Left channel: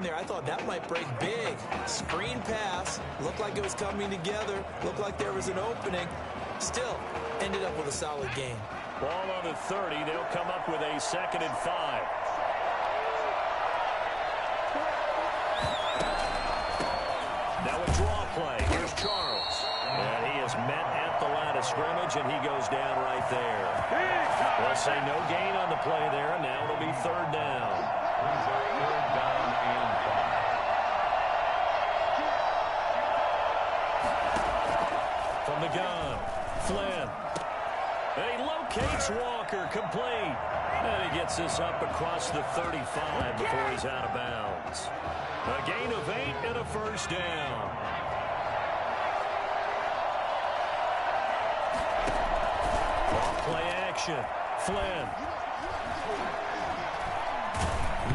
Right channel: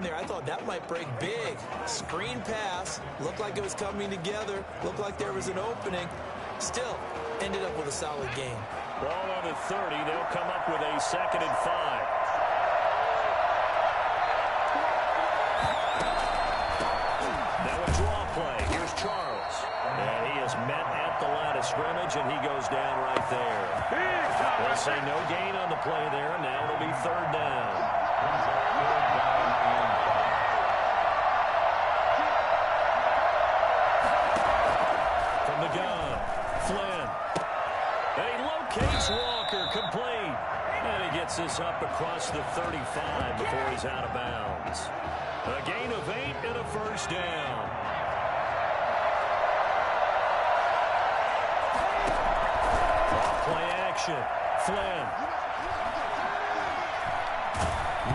second there, I thought that might break big. Screen pass, looked like it was coming together, looked like there was an opening. Still, ended up with a solid gain. Ball on the 30. They'll come up with a 2nd and 5. Now a draw play. Here's Charles. And he is met at the line of scrimmage, and he goes down right there. They'll say no gain on the play there, and now it'll be 3rd down. Third down and 5. From the gun, Flynn. And he locates Walker, complete. And he gets this up across the 35 before he's out of bounds. A gain of 8 and a 1st down. Off play action. Flynn.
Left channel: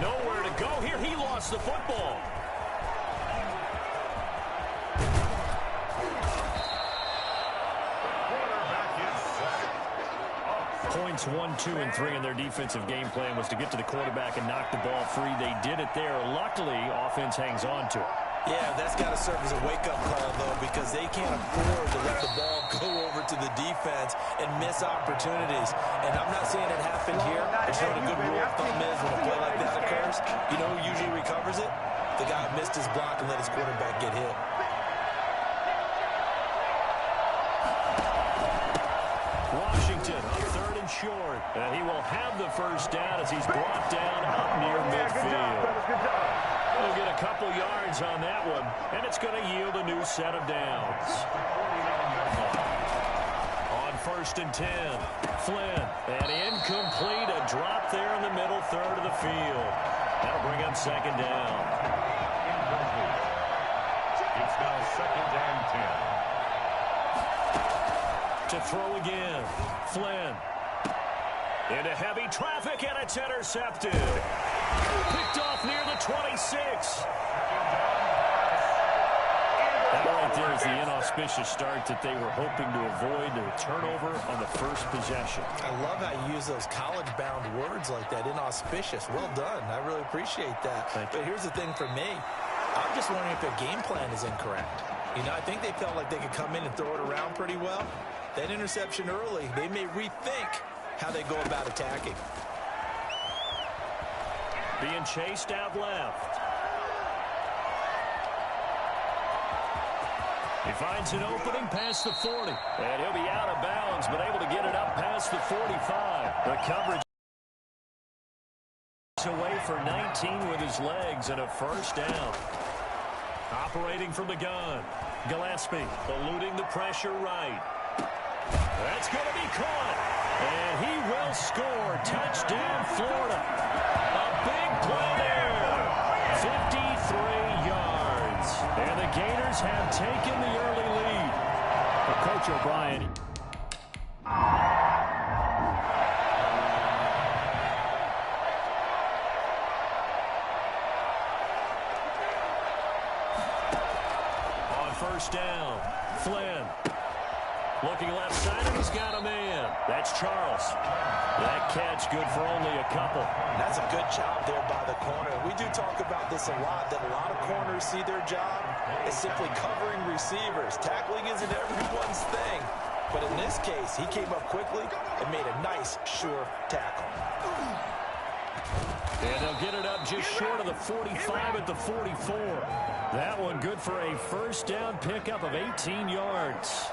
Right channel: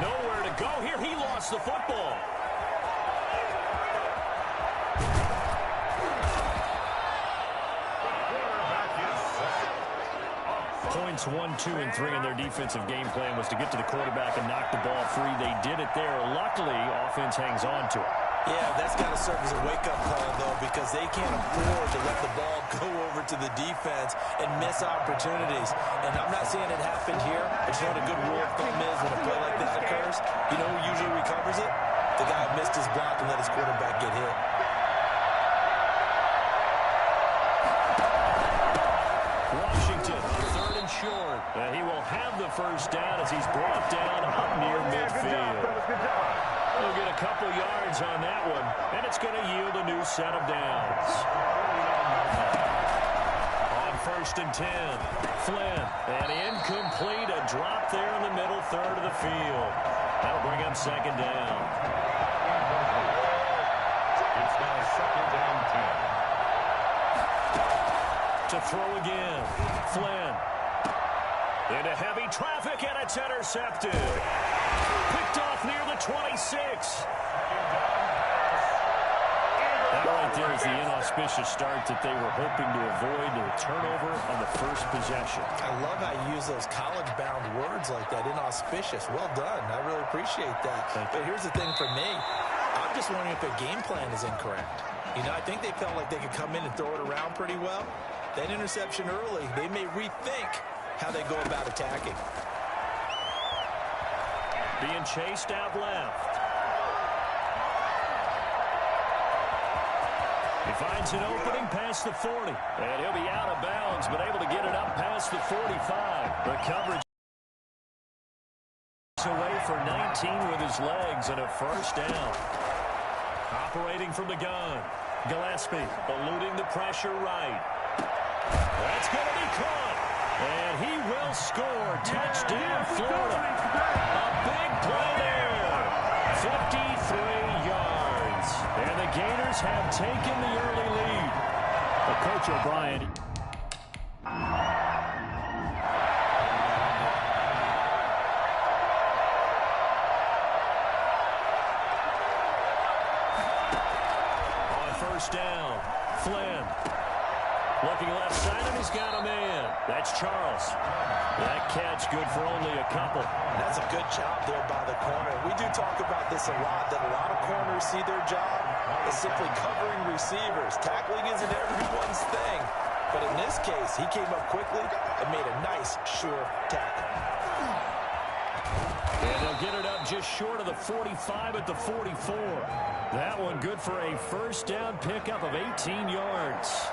Nowhere to go here. He lost the football. Points 1, 2, and 3 in their defensive game plan was to get to the quarterback and knock the ball free. They did it there. Luckily, offense hangs on to it. Yeah, that's got to serve as a wake-up call, though, because they can't afford to let the ball go over to the defense and miss opportunities. And I'm not saying it happened here. But you know what a good rule of thumb is when a play like that occurs? You know who usually recovers it? The guy who missed his block and let his quarterback get hit. Washington on 3rd and short. He will have the 1st down as he's brought down up near midfield. He'll get a couple yards on that one, and it's going to yield a new set of downs. On 1st and 10, Flynn, and incomplete, a drop there in the middle 3rd of the field. That'll bring up 2nd down. It's now 2nd and 10. To throw again, Flynn. Into heavy traffic, and it's intercepted. Picked off near the 26. That right there is the inauspicious start that they were hoping to avoid, a turnover on the 1st possession. I love how you use those college-bound words like that, inauspicious. Well done. I really appreciate that. But here's the thing for me. I'm just wondering if their game plan is incorrect. You know, I think they felt like they could come in and throw it around pretty well. That interception early, they may rethink how they go about attacking. Being chased out left. He finds an opening past the 40. And he'll be out of bounds, but able to get it up past the 45. The coverage away for 19 with his legs and a 1st down. Operating from the gun. Gillespie eluding the pressure right. That's going to be caught. And he will score. Touchdown, Florida. A big play there. 53 yards. And the Gators have taken the early lead. But Coach O'Brien. On 1st down, Flynn. Looking left side, and he's got a man. That's Charles. That catch good for only a couple. That's a good job there by the corner. We do talk about this a lot, that a lot of corners see their job as simply covering receivers. Tackling isn't everyone's thing. But in this case, he came up quickly and made a nice, sure tackle. And they'll get it up just short of the 45 at the 44. That one good for a 1st down pickup of 18 yards.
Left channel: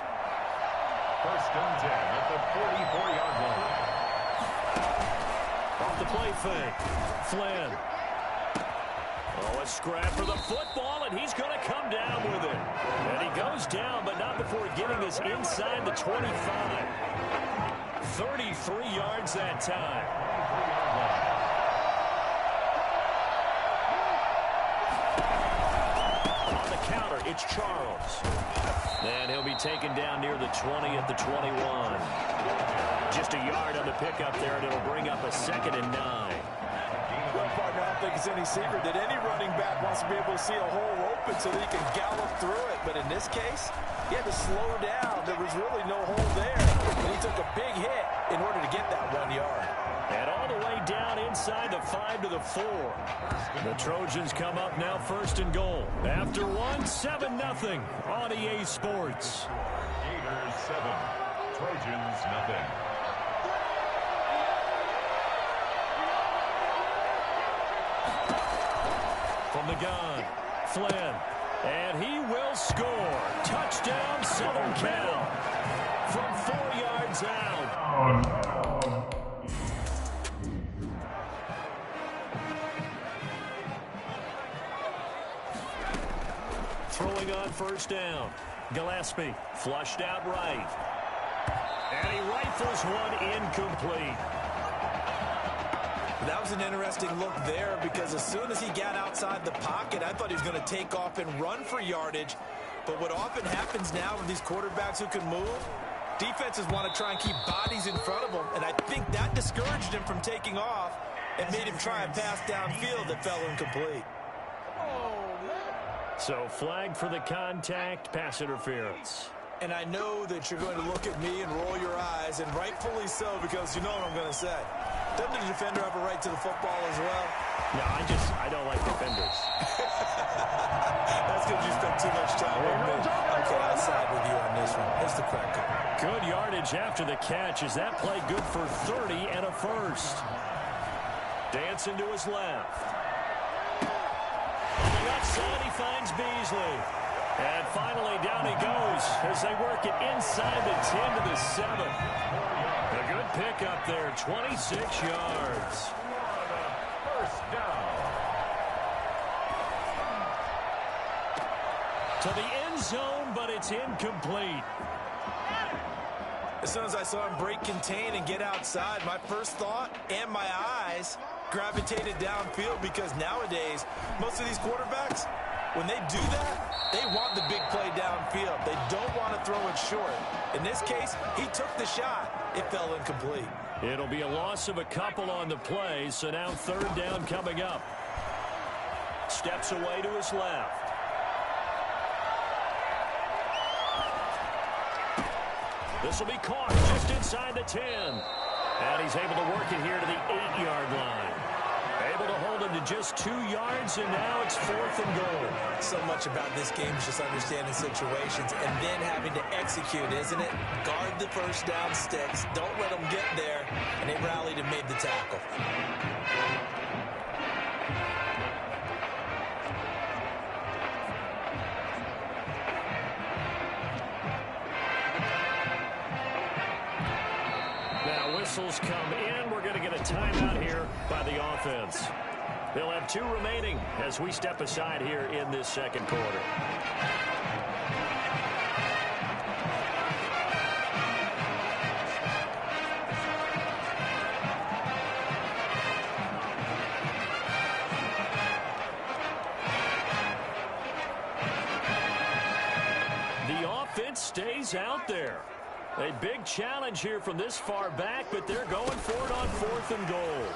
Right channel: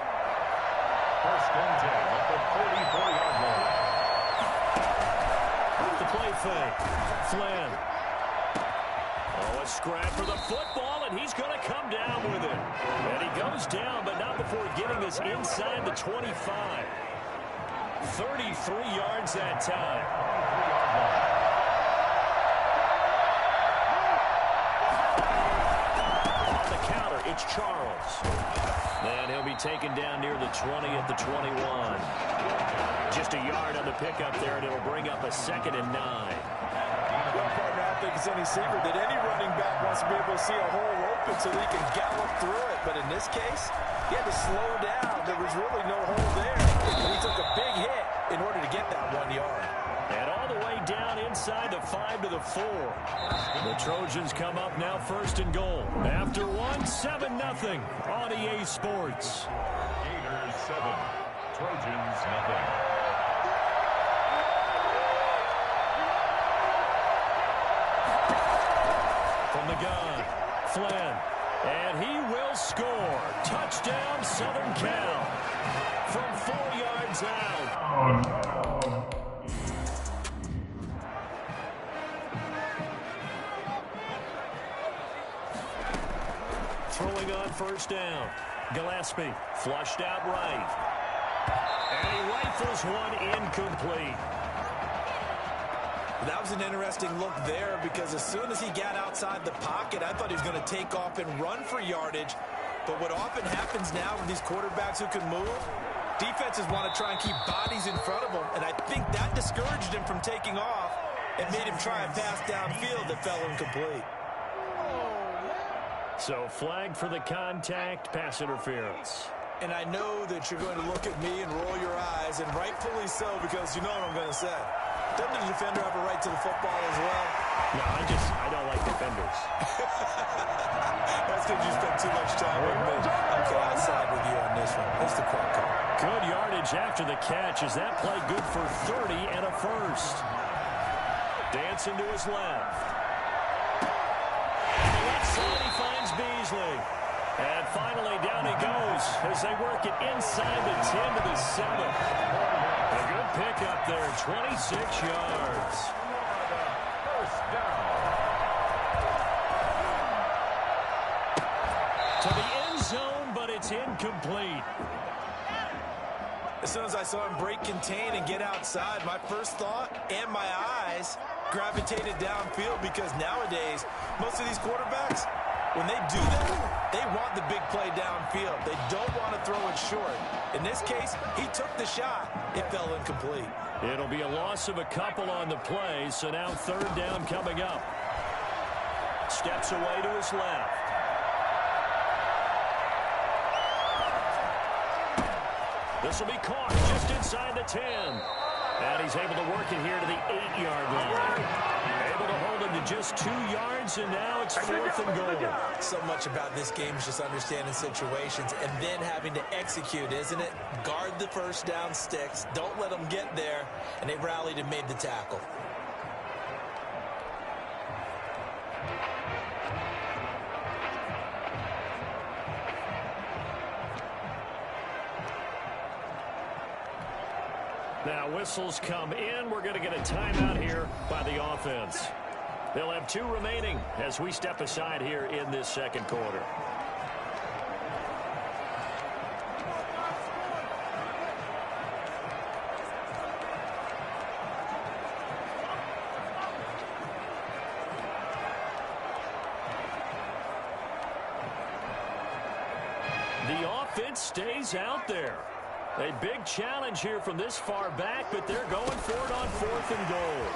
1st and 10 at the 44-yard line. Off the play fake. Flynn. Oh, a scrap for the football, and he's going to come down with it. And he goes down, but not before getting this inside the 25. 33 yards that time. 23-yard line. On the counter, it's Charles. And he'll be taken down near the 20 at the 21. Just a yard on the pickup there, and it'll bring up a 2nd and 9. Well, partner, I don't think it's any secret that any running back wants to be able to see a hole open so that he can gallop through it. But in this case, he had to slow down. There was really no hole there. And he took a big hit in order to get that 1 yard. And all the way down inside the 5 to the 4. The Trojans come up now 1st and goal. After 7-0 on EA Sports. Gators 7, Trojans nothing. From the gun, Flynn. And he will score. Touchdown, Southern Cal. From 4 yards out. Throwing on 1st down. Gillespie flushed out right. And he rifles one incomplete. That was an interesting look there because as soon as he got outside the pocket, I thought he was going to take off and run for yardage. But what often happens now with these quarterbacks who can move, defenses want to try and keep bodies in front of them. And I think that discouraged him from taking off and made him try a pass downfield that fell incomplete. So flag for the contact, pass interference. And I know that you're going to look at me and roll your eyes, and rightfully so, because you know what I'm going to say. Doesn't the defender have a right to the football as well? No, I don't like defenders. That's because you spent too much time with me. Okay, I'll side with you on this one. It's the correct call. Good yardage after the catch. Is that play good for 30 and a first? Dancing to his left. On the left side, he finds Beasley. And finally, down he goes as they work it inside the 10 to the 7. A good pick up there, 26 yards. First down. To the end zone, but it's incomplete. As soon as I saw him break contain and get outside, my first thought and my eyes gravitated downfield because nowadays, most of these quarterbacks, when they do that, they want the big play downfield. They don't want to throw it short. In this case, he took the shot. It fell incomplete. It'll be a loss of a couple on the play, so now 3rd down coming up. Steps away to his left. This will be caught just inside the 10. And he's able to work it here to the 8-yard line. Able to hold him to just 2 yards, and now it's 4th and goal. So much about this game is just understanding situations and then having to execute, isn't it? Guard the first down sticks. Don't let them get there. And they rallied and made the tackle. Now whistles come in. We're going to get a timeout here by the offense. They'll have 2 remaining as we step aside here in this 2nd quarter. The offense stays out there. A big challenge here from this far back, but they're going for it on 4th and goal.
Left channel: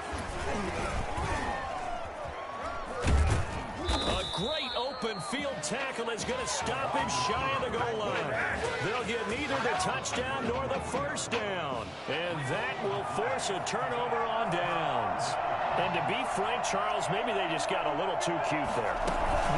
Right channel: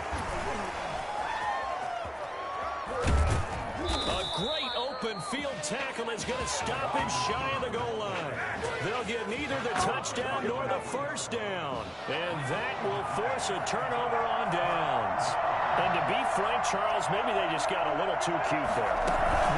A great open field tackle is going to stop him shy of the goal line. They'll get neither the touchdown nor the first down. And that will force a turnover on downs. And to be frank, Charles, maybe they just got a little too cute there.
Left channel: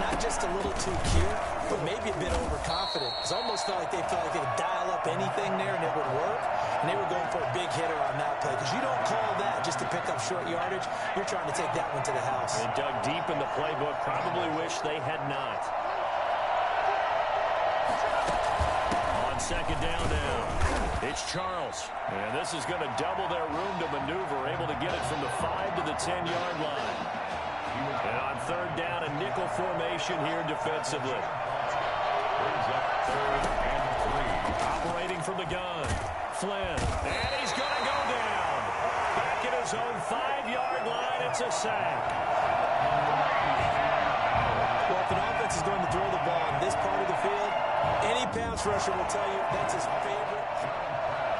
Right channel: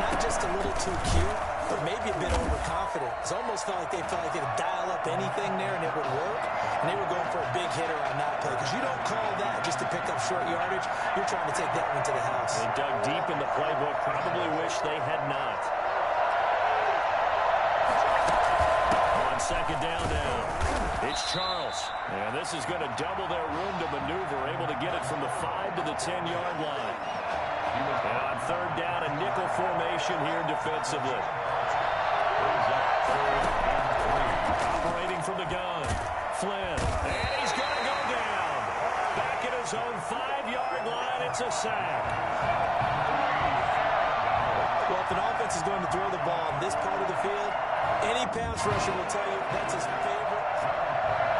Not just a little too cute, but maybe a bit overconfident. It almost felt like they could dial up anything there and it would work. And they were going for a big hitter on that play because you don't call that just to pick up short yardage. You're trying to take that one to the house. They dug deep in the playbook. Probably wish they had not. On 2nd down now. It's Charles. And this is going to double their room to maneuver. Able to get it from the 5 to the 10-yard line. And on 3rd down, a nickel formation here defensively. Brings up 3rd and 3. Operating from the gun. Flynn. And he's going to go down. Back at his own 5-yard line. It's a sack. Well, if an offense is going to throw the ball on this part of the field, any pass rusher will tell you that's his favorite.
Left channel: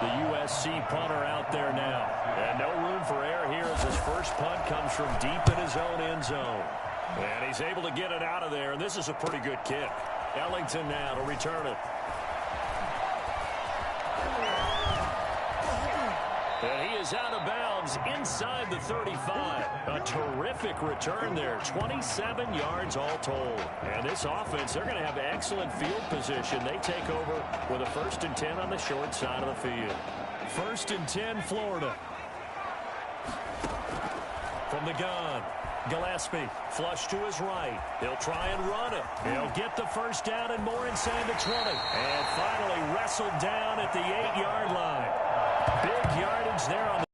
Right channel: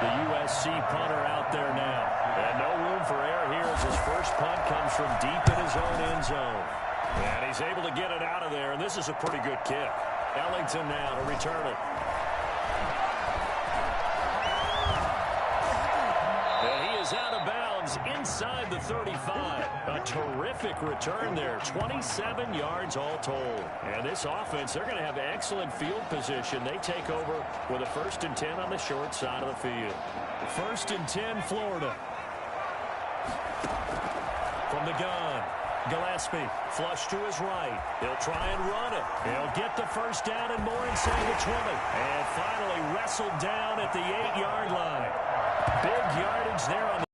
The USC punter out there now. And no room for error here as his first punt comes from deep in his own end zone. And he's able to get it out of there, and this is a pretty good kick. Ellington now to return it. And he is is out of bounds inside the 35. A terrific return there, 27 yards all told. And this offense, they're going to have excellent field position. They take over with a 1st and 10 on the short side of the field. 1st and 10, Florida. From the gun, Gillespie, flush to his right. He'll try and run it. He'll get the 1st down and more inside the 20. And finally wrestled down at the 8-yard line. Big yardage there on the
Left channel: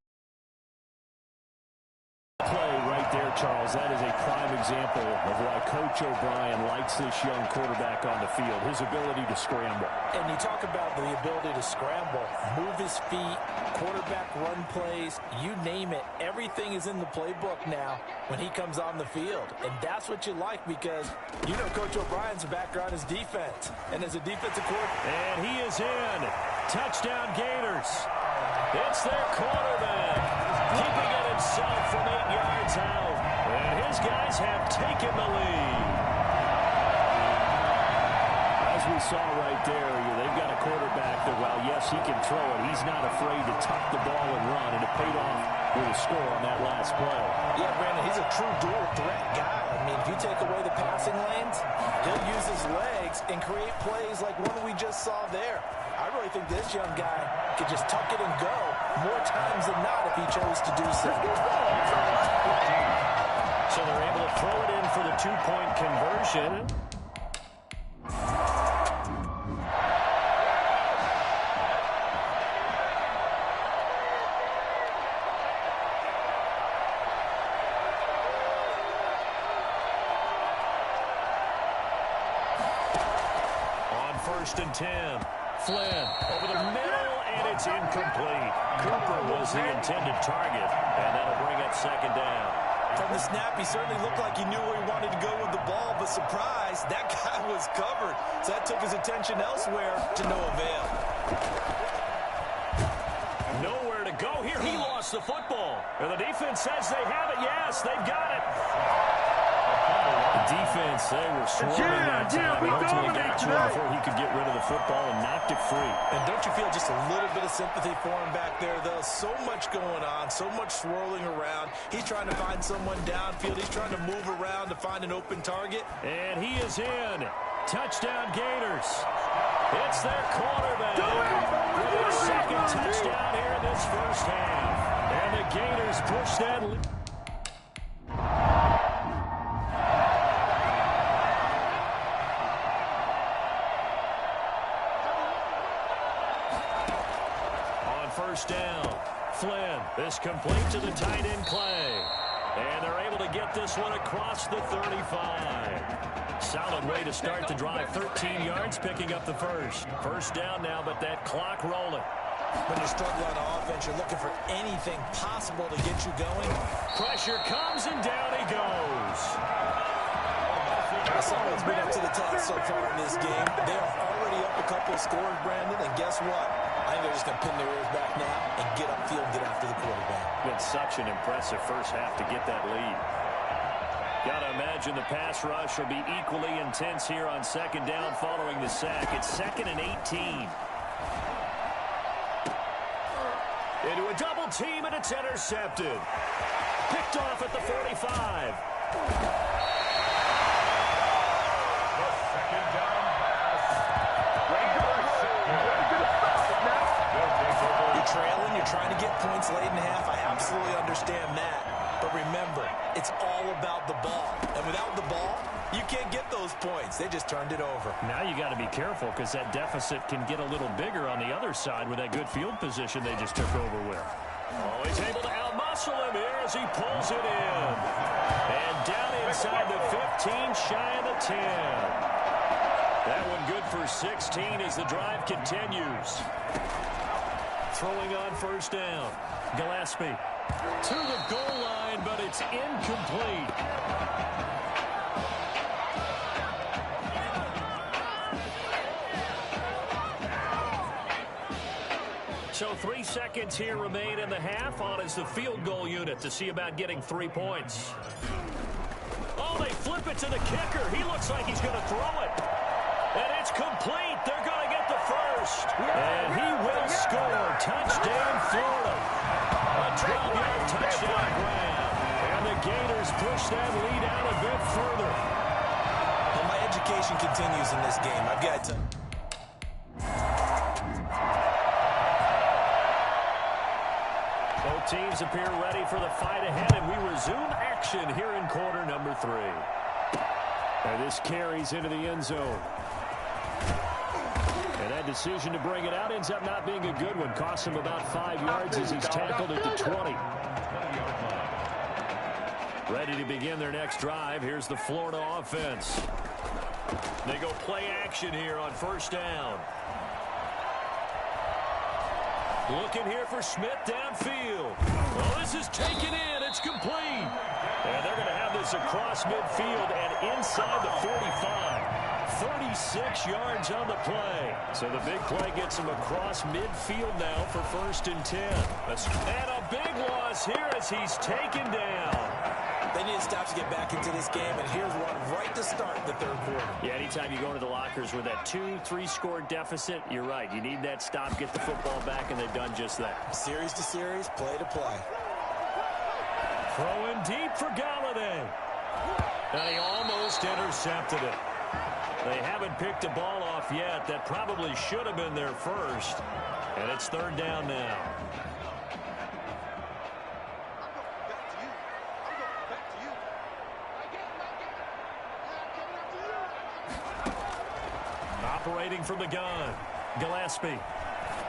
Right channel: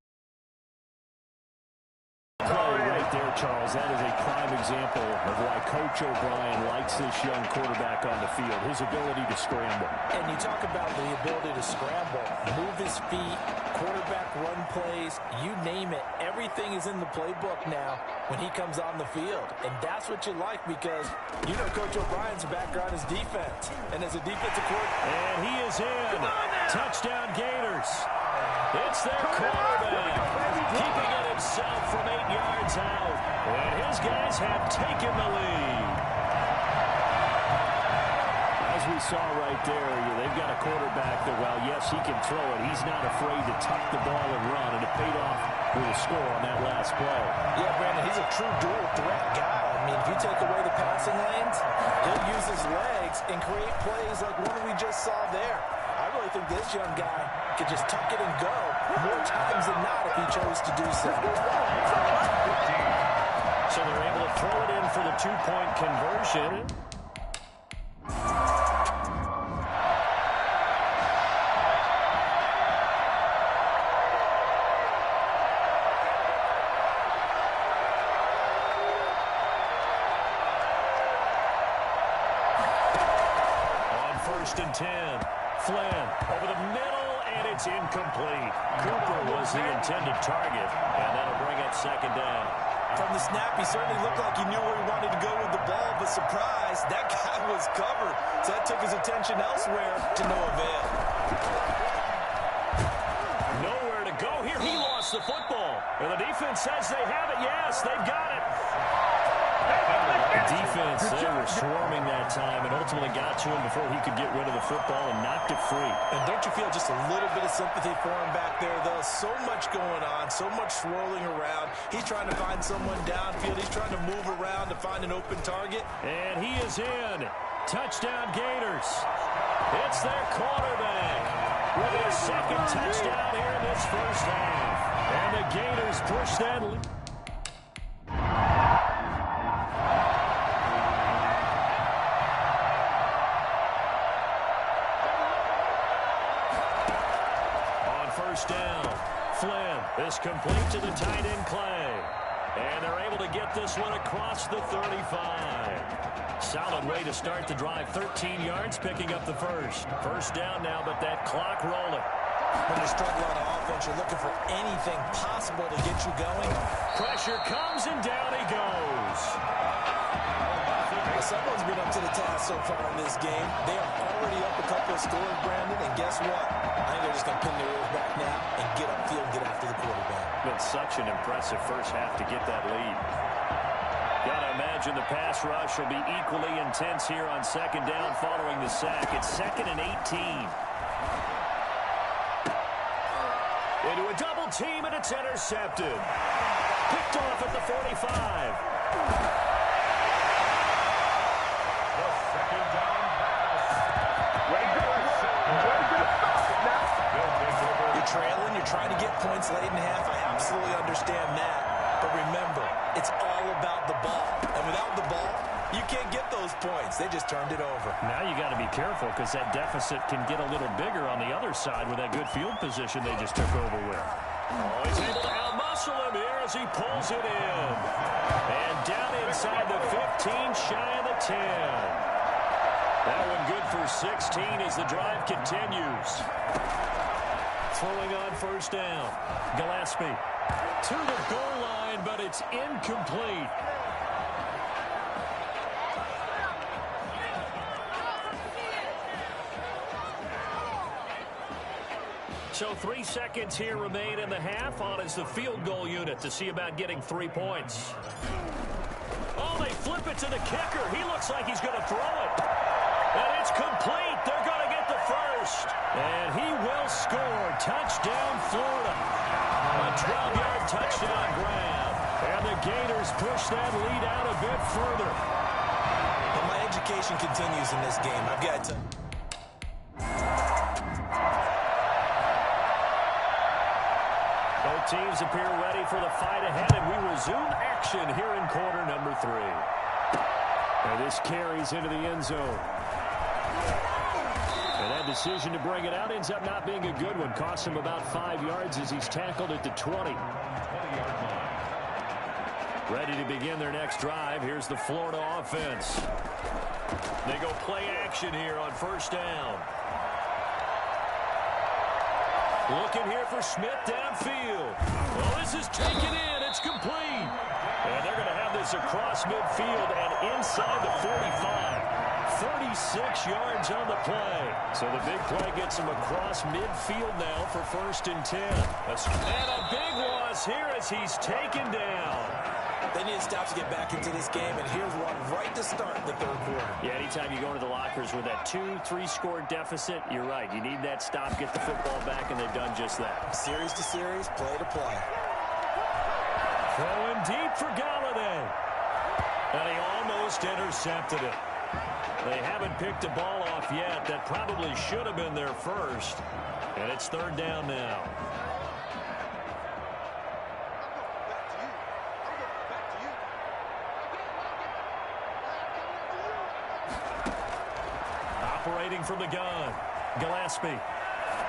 play right there, Charles. That is a prime example of why Coach O'Brien likes this young quarterback on the field, his ability to scramble. And you talk about the ability to scramble, move his feet, quarterback run plays, you name it. Everything is in the playbook now when he comes on the field. And that's what you like because you know Coach O'Brien's background is defense. And as a defensive coordinator. And he is in. Touchdown Gators. It's their quarterback, keeping it himself from 8 yards out. And his guys have taken the lead. As we saw right there, they've got a quarterback that, while, yes, he can throw it, he's not afraid to tuck the ball and run, and it paid off with a score on that last play. Yeah, Brandon, he's a true dual-threat guy. I mean, if you take away the passing lanes, he'll use his legs and create plays like one we just saw there. I really think this young guy could just tuck it and go more times than not if he chose to do so. So they're able to throw it in for the 2-point conversion. On 1st and 10. Flynn over the middle, and it's incomplete. Cooper was the intended target, and that'll bring up 2nd down. From the snap, he certainly looked like he knew where he wanted to go with the ball, but surprise, that guy was covered. So that took his attention elsewhere to no avail. Nowhere to go here. He lost the football. And the defense says they have it. Yes, they've got it. The defense, they were swarming that time and ultimately got to him before he could get rid of the football and knocked it free. And don't you feel just a little bit of sympathy for him back there, though? So much going on, so much swirling around. He's trying to find someone downfield. He's trying to move around to find an open target. And he is in. Touchdown Gators. It's their quarterback with his 2nd touchdown here in this 1st half. And the Gators push that lead. On 1st down, Flynn is complete to the tight end Clay. And they're able to get this one across the 35. Solid way to start the drive. 13 yards, picking up the 1st. 1st down now, but that clock rolling. When you struggle on offense, you're looking for anything possible to get you going. Pressure comes, and down he goes. Well, someone's been up to the task so far in this game. They are already up a couple of scores, Brandon, and guess what? I think they're just going to pin their ears back now and get upfield and get after the quarterback. Been such an impressive 1st half to get that lead. Got to imagine the pass rush will be equally intense here on 2nd down following the sack. It's 2nd and 18. Into a double team, and it's intercepted. Picked off at the 45. The 2nd down pass. You're trailing, you're trying to get points late in the half. I absolutely understand that. But remember, it's all about the ball. And without the ball, you can't get those points. They just turned it over. Now you got to be careful because that deficit can get a little bigger on the other side with that good field position they just took over with. Oh, he's able to outmuscle him here as he pulls it in. And down inside the 15, shy of the 10. That one good for 16 as the drive continues. Throwing on 1st down. Gillespie to the goal line, but it's incomplete. So 3 seconds here remain in the half. On is the field goal unit to see about getting 3 points. Oh, they flip it to the kicker. He looks like he's going to throw it. And it's complete. They're going to get the 1st. And he will score. Touchdown, Florida. A 12-yard touchdown grab. And the Gators push that lead out a bit further. But my education continues in this game. I've got to... Both teams appear ready for the fight ahead, and we resume action here in quarter number 3. And this carries into the end zone. And that decision to bring it out ends up not being a good one. Costs him about 5 yards as he's tackled at the 20. Ready to begin their next drive. Here's the Florida offense. They go play action here on first down. Looking here for Smith downfield. Well, this is taken in. It's complete. And they're going to have this across midfield and inside the 45. 36 yards on the play. So the big play gets him across midfield now for 1st and 10. And a big loss here as he's taken down. They need to stop to get back into this game, and here's one right to start the 3rd quarter. Yeah, anytime you go into the lockers with that 2-3 score deficit, you're right. You need that stop, get the football back, and they've done just that. Series to series, play to play. Throwing deep for Galladay. And he almost intercepted it. They haven't picked a ball off yet. That probably should have been their first. And it's 3rd down now. Operating from the gun, Gillespie.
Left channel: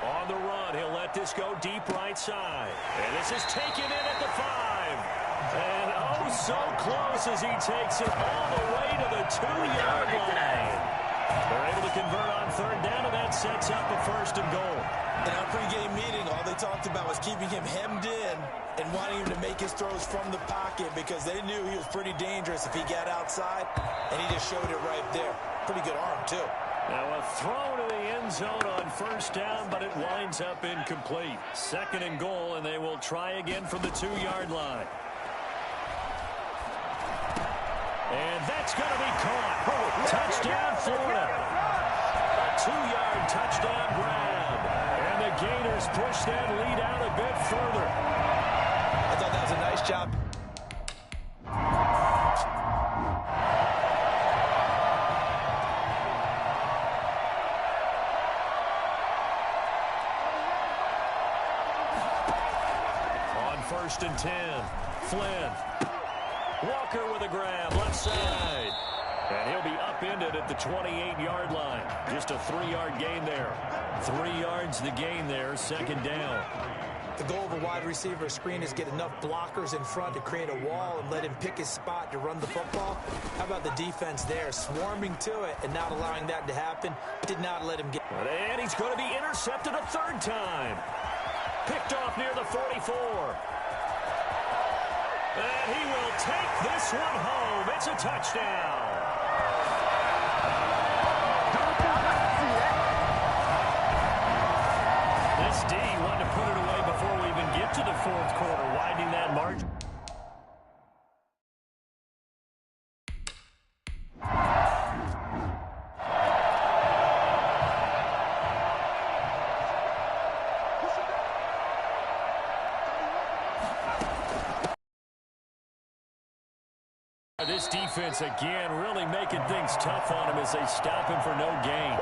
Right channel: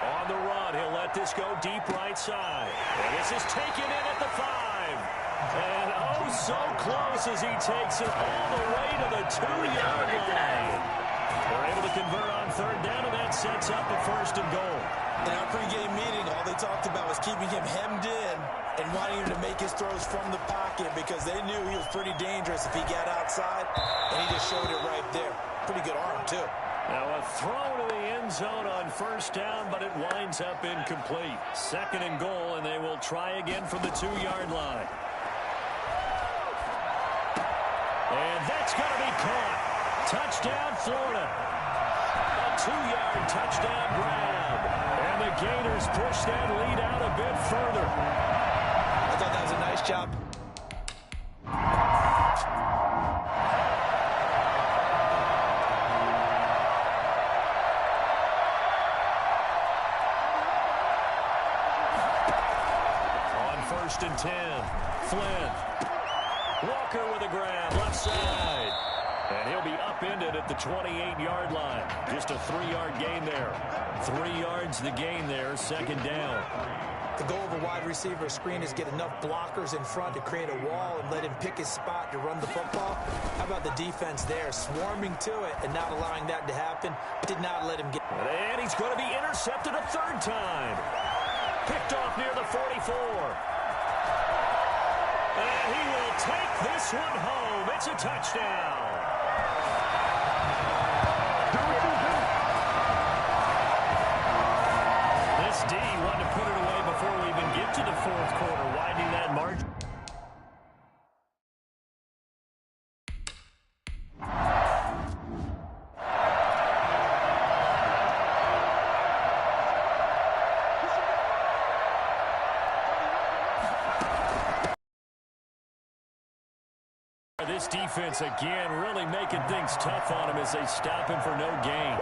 On the run, he'll let this go deep right side. And this is taken in at the 5. And oh, so close as he takes it all the way to the 2-yard line. They're able to convert on 3rd down, and that sets up a 1st and goal. In our pregame meeting, all they talked about was keeping him hemmed in and wanting him to make his throws from the pocket because they knew he was pretty dangerous if he got outside, and he just showed it right there. Pretty good arm, too. Now a throw to the end zone on 1st down, but it winds up incomplete. 2nd and goal, and they will try again from the 2-yard line. And that's going to be caught. Touchdown, Florida. A 2-yard touchdown grab. And the Gators push that lead out a bit further. I thought that was a nice job. On 1st and 10, Flynn. Walker with a grab, left side. And he'll be upended at the 28-yard line. Just a 3-yard gain there. 3 yards the gain there, 2nd down. The goal of a wide receiver screen is get enough blockers in front to create a wall and let him pick his spot to run the football. How about the defense there, swarming to it and not allowing that to happen? Did not let him get... And he's going to be intercepted a 3rd time. Picked off near the 44. And he will take this one home. It's a touchdown. This D wanted to put it away before we even get to the 4th quarter, widening that margin. This defense, again, really making things tough on him as they stop him for no gain.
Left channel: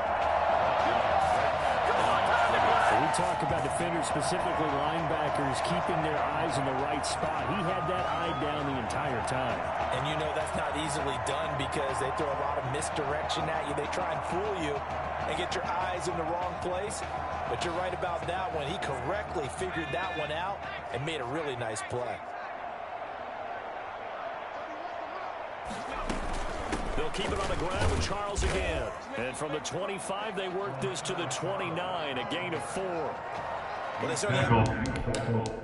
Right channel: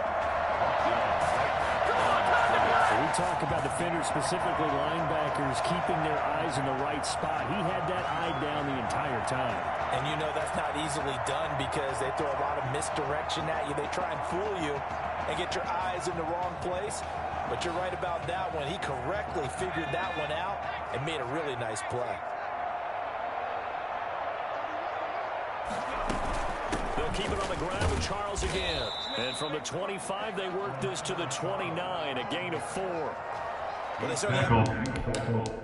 We talk about defenders, specifically linebackers, keeping their eyes in the right spot. He had that eye down the entire time. And you know that's not easily done because they throw a lot of misdirection at you. They try and fool you and get your eyes in the wrong place. But you're right about that one. He correctly figured that one out and made a really nice play. They'll keep it on the ground with Charles again. And from the 25, they work this to the 29, a gain of 4. Well, they certainly have...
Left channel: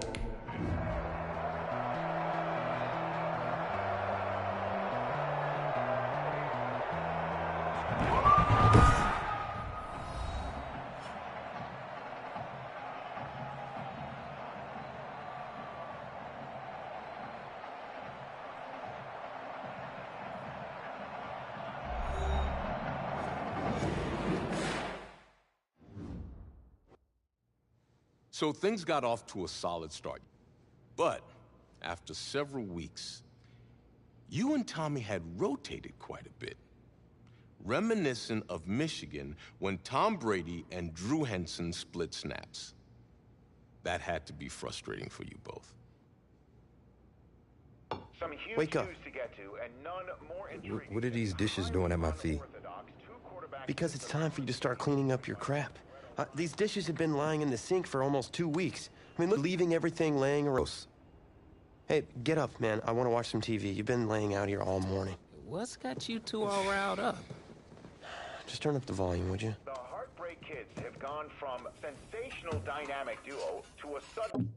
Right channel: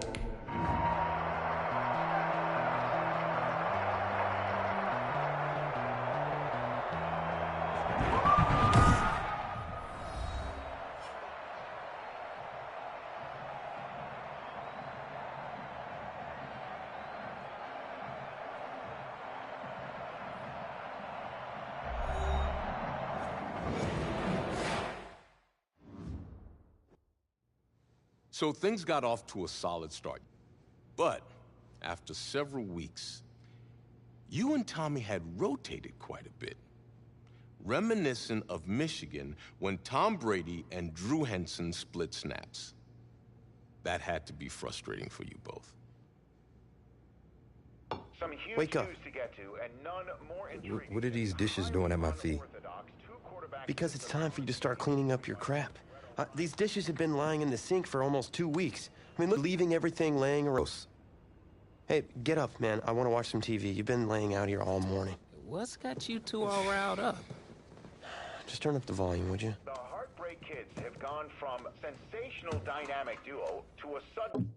So things got off to a solid start. But after several weeks, you and Tommy had rotated quite a bit. Reminiscent of Michigan when Tom Brady and Drew Henson split snaps. That had to be frustrating for you both. Some huge Wake up. shoes to get to, and none more intriguing. What are these dishes doing at my feet? Because it's time for you to start cleaning up your crap. These dishes have been lying in the sink for almost 2 weeks. I mean, look, leaving everything laying around. Hey, get up, man. I want to watch some TV. You've been laying out here all morning. What's got you two all riled up? Just turn up the volume, would you? The Heartbreak Kids have gone from sensational dynamic duo to a sudden...